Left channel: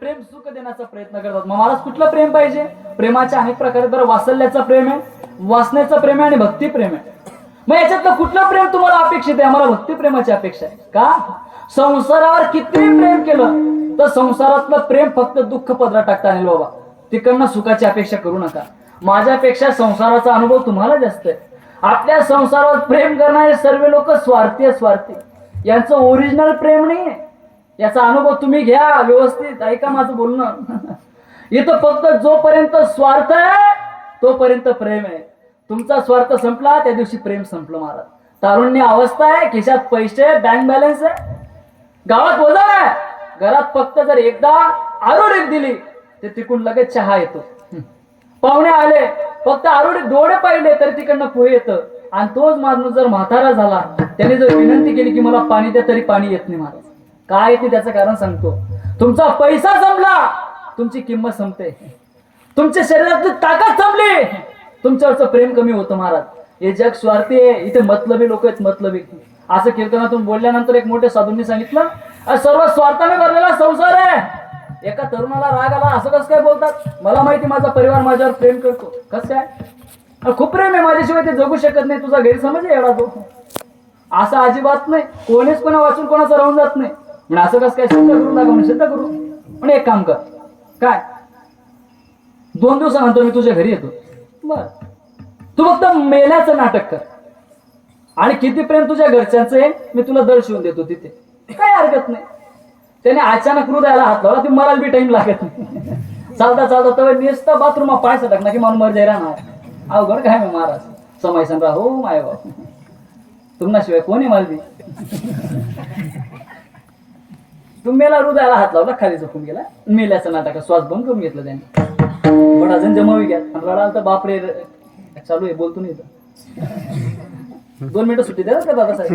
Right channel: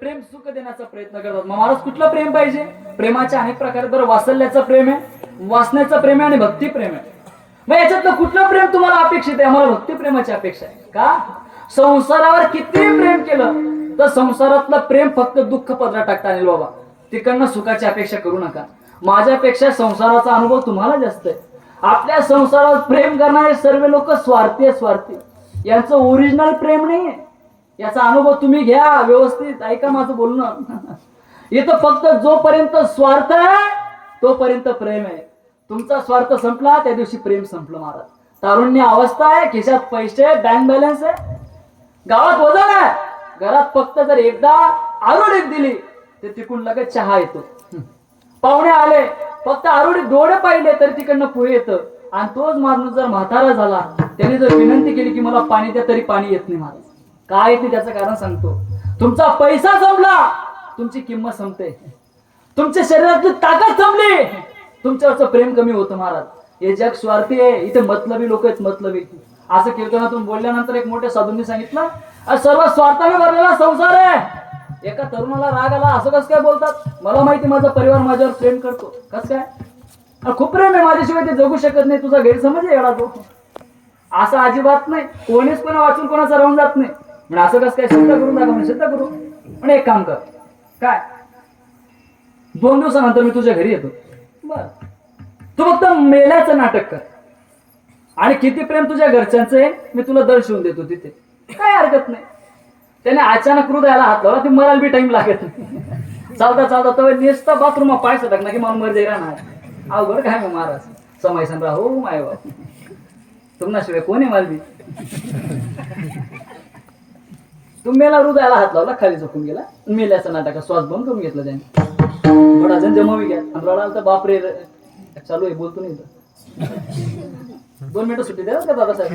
प्रेम सुख देण्याचा प्रयत्न करतात. महाराज कुठलं प्रेम पाहिजे? प्रेमाचे अनेक प्रकार बरं. वासल्याचं प्रेम आहे वासण्याचं प्रेम आहे आणि भक्ती प्रेम आहे. मग याच्यातलं कुठलं प्रेम तुम्हाला अपेक्षित आहे? आम्हाला भक्ती प्रेमाची अपेक्षा आहे. का? संसारावर किती प्रेम केलं तर संसारातलं प्रेम फक्त दुःख पदरात टाकता आणेल बाबा. तिकडनं सुखाची अपेक्षा करू नका. माझ्यापेक्षा संसाराचा अनुभव तुम्हाला जास्त आहे. आपल्या संसारावर प्रेम करणारे सर्व लोक स्वार्थी आहे, स्वार्थी. यांचं ओरिजिनल प्रेम नाहीये याचा अनुभव तुम्ही घ्या व्यवस्थित. ऐका माझं बोलणं. इथं फक्त जोपर्यंत स्वार्थ आहे तोपर्यंत प्रेम आहे. तुमचा स्वार्थ संपला त्या दिवशी प्रेम संपलं महाराज. तारुण्य अवस्था आहे खिशात पैसे आहे बँक बॅलन्स आहे. गावात वजन आहे घरात फक्त जर एकदा आरोडीत दिली ते तिकडून लगेच चहा येतो. पाहुणे आले फक्त आरोडीत डोळे पाहिले तर तिकडनं पोहे येतं. आणि तोच माणूस जर म्हातारा झाला त्याने जर विनंती केली की मला पाणी द्या तरी पाणी येत नाही महाराज काय ते त्याचं कारण सांगतो? तुमचा पैसा संपला. तुमची किंमत संपते. तुमच्या शरीरातली ताकद संपली. तुमच्यावरचं प्रेम कमी होतं महाराज. हे जग स्वार्थी आहे. इथे मतलबी लोक आहेत मतलबी. असं कीर्तनातून बोलल्यानंतर एक मोठ्या साधूंनी सांगितलं सर्व स्वार्थाने भरलेला संसार आहे. एका तरुणाला राग आला असं कसं काय बोलतात? मला माहिती माझा परिवार माझ्यावर प्रेम करतो. कसं काय? खूप प्रेम आहे माझ्याशिवाय ते जगू शकत नाही तुझा गैरसमज आहे एवढा तो. असा अजिबात नाही कोणीच कोणा वाचून कोणाचं राहून जात नाही. म्हणजे असं कसं काय? सिद्ध करून दाखवून म्हणजे सिद्ध करू. पण एक काम कर. काय? दोन दिवसानंतर मी तुझ्या घरी येतो. बर. तू फक्त मेल्याचं नाटक कर. आणि किती प्रेम तुझ्या घरच्यांचं आहे? मी तुला दर्शवून देतो तिथे. काय हरकत नाही. त्याने अचानक हृदयाला हात लावला ती मला बी टाइम लागत नाही. चालता चालता तो नुसता बाथरूम पाय सटकला की मला मर राहणार अवघड काय मग महाराज. समय सांगा हो माय बाप. तुम्हाशिवाय कोणी मालवी? तुम्हाला हृदयाला हात लावला खाली झोपून गेला. मेल्याचं नाटक श्वास बंद करून घेतलं त्याने. बडा जण जमावी घ्या. आणि रडाल तर बापरे चालू आहे बोलतो नाही दोन मिनिटं सुट्टी द्या का दादासाहेब?